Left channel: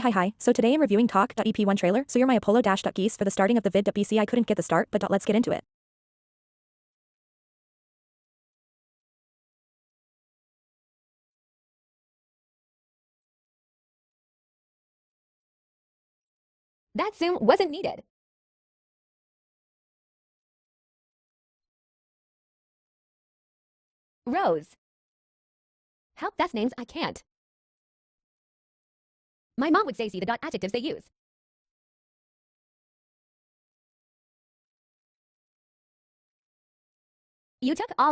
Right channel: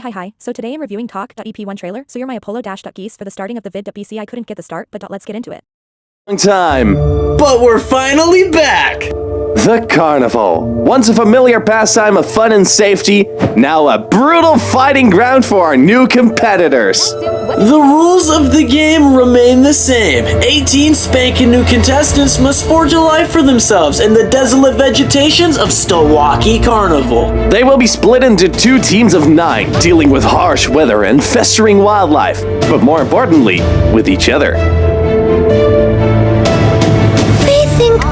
Hi. So today I'm reviewing talk.ep1 trailer. So you're my Apollo-geese for the starting of the vid.bc. I couldn't get the start, but let's get into it. Long time. But we're finally back! The carnival. Once a familiar pastime of fun and safety, now a brutal fighting ground for our new competitors. The rules of the game remain the same. 18 spanking new contestants must forge a life for themselves in the desolate vegetations of Stowaki Carnival. They will be split into 2 teams of 9, dealing with harsh weather and festering wildlife, but more importantly, with each other.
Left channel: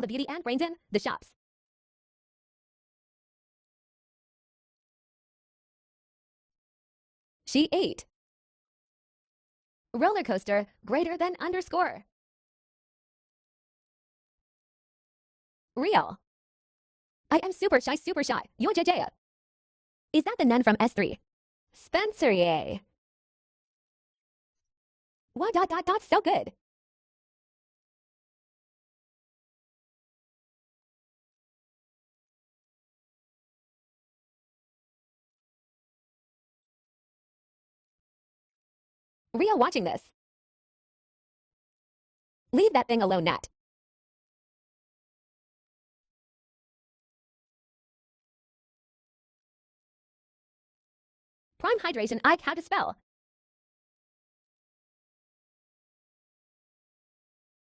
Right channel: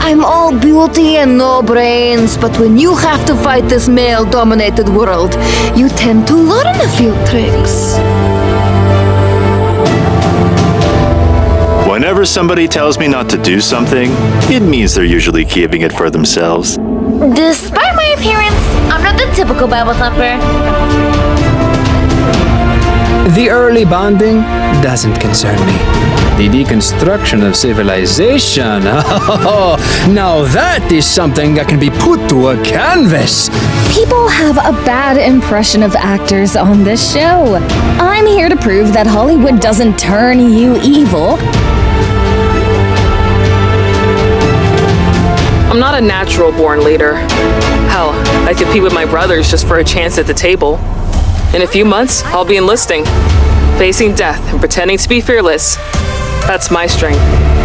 I'm all beauty and no brains, but when you have to fight this male-dominated world, you tend to learn a few tricks. Whenever somebody tells me not to do something, it means they're usually keeping it for themselves. Despite my appearance, I'm not the typical Bible thumper. The early bonding doesn't concern me. The deconstruction of civilization, now that is something that can be put to a canvas. People have a bad impression of actors on this show. I'm here to prove that Hollywood doesn't turn you evil. I'm not a natural-born leader. Hell, I compete with my brothers just for a chance at the table. In a few months, I'll be enlisting, facing death and pretending to be fearless. That's my strength.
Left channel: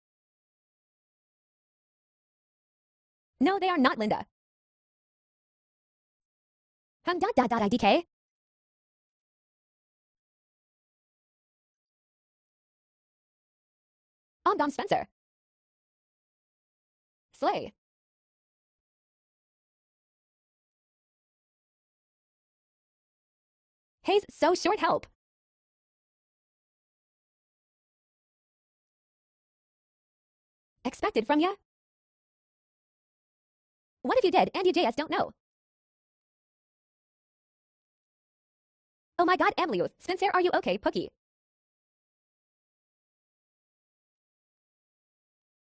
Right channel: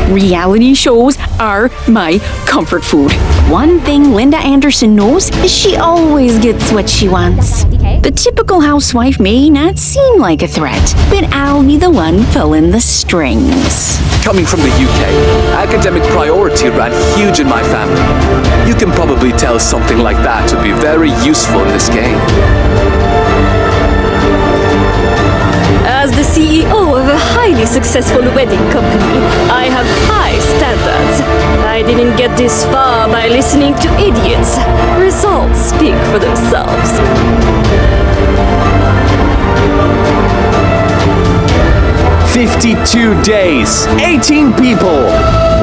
Reality shows are my comfort food. One thing Linda Anderson knows is she always gets what she wants. The typical housewife may not seem like a threat, but I'll be the one pulling the strings. Coming from the UK, academic priority ran huge in my family. You can probably tell something like that to be very useful in this game. As the CEO of a highly successful wedding company, I have high standards. I didn't get this far by listening to idiots. Results speak for themselves. "52 days, 18 people,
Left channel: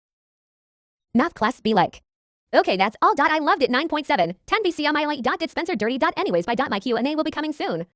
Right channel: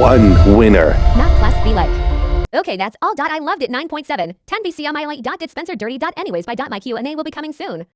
1 winner." Not class be like. Okay, that's all. I loved it. 9.7. 10 BC on my late. Get Spencer dirty. Anyways, by my Q&A will be coming soon.